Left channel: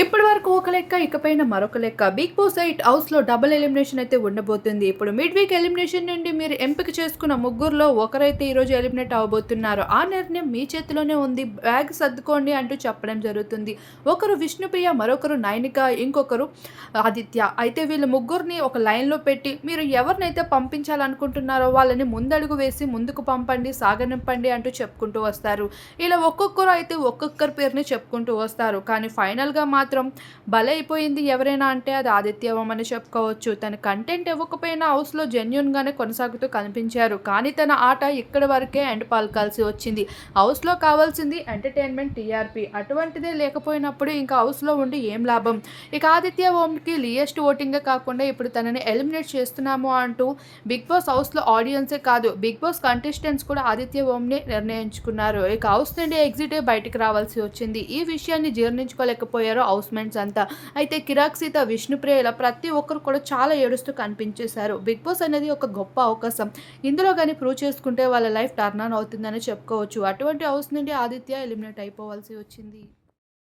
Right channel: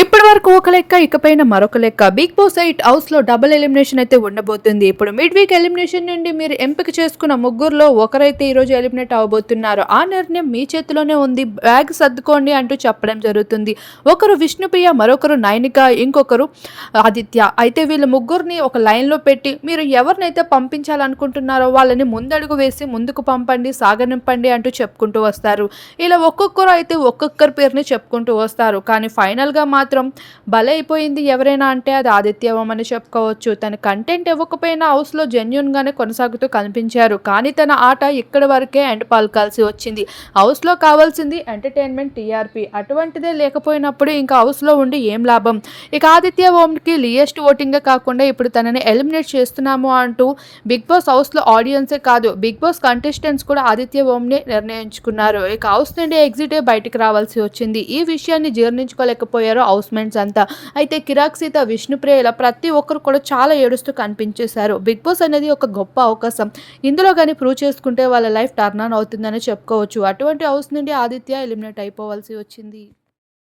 ఇప్పటి వరకు ఒక లెక్క ఇకపైన మరొక లెక్క. బిగ్ బాస్ ఎయిట్ హౌస్లో డబుల్ ఎలిమినేషన్ అయితే ఉండబోతుంది. ఇప్పుడు మిడ్ వీక్ ఎలిమినేషన్ నుండి మీరు ఎంపిక చేసుకున్న ముగ్గురులో ఒకరైతే ఈ రోజు ఎలిమినేట్ అవబోతున్నారు. ఆ నిర్ణయం మీ చేతిలోనే ఉంది. బ్యాగ్ సర్దుకోండి అంటూ చెప్పడం జరుగుతుంది. ఒకరు విష్ణుప్రియ మరొకరు నైనిక ఇంకొకరు ఆదిత్య అయితే వీళ్ళ ముగ్గురిని ఒక లైన్లో పెట్టి మీరు ఎవరినైతే పంపించాలనుకుంటున్నారో వాళ్ళని ముందడుగు వేసి ముందుకు పంపండి సాగనింపండి అంటూ చెప్పుకుంటూ వస్తారు. ఇలా ఒక్కొక్కరు అయితే ఒక్కొక్కరి పేరుని చెప్పుకుంటూ వస్తారు. కానీ ఫైనల్గా మా మాత్రం బలైపోయింది ఎవరైనా అంటే అది ఆదిత్యవం అని చెప్పుకోవచ్చు. తన కంటెంట్ ఇవ్వకపోయినా హౌస్లో జెన్యున్గానే కొనసాగుతూ కనిపించారు. కానీ తన ఆట ఇక్కడి వరకే ఎండ్ పాల్కాల్సి వచ్చింది. హౌస్లో కావాల్సింది ఎంటర్టైన్మెంట్ టీఆర్పీ అటువంటిదే లేకపోయినప్పుడు ఇంకా హౌస్లో ఉండి ఏం లాభం? ఇక ఆదిత్య ఓంకి లియెస్ట్ ఓటింగే కాకుండా ఇప్పుడు తనని ఎలిమినేట్ చేస్తున్నాము అంటూ బిగ్ బాస్ హౌస్లో ఆడియన్సే కాదు బిగ్ బాస్ కంటెస్టెంట్స్ కూడా ఆదిత్య ఓంని నిర్ణయించుకున్నారు. ఇక హౌస్ నుండి ఎగ్జిట్ బయటకు రావాల్సి వచ్చింది. ఈ విషయాన్ని జీర్ణించుకోలేకపోయారు హౌస్మేట్స్ అంతా. అయితే కిరాక్ సీత విష్ణుప్రియ ఇలా ప్రతి ఒక్కరు కూడా చాలా ఏడుస్తూ కనిపించేశారు. బిగ్ బాస్ అనేది ఒక గొప్ప అవకాశం. ఇందులో కానీ ప్రూవ్ చేసుకుంటే వాళ్ళ లైఫ్ టర్న్ ఆన్ అవుతుందని చెప్పుకోవచ్చు. అటువంటి హౌస్ నుండి ఆదిత్య ఎలిమినేట్ అయిపోవాల్సి వచ్చింది.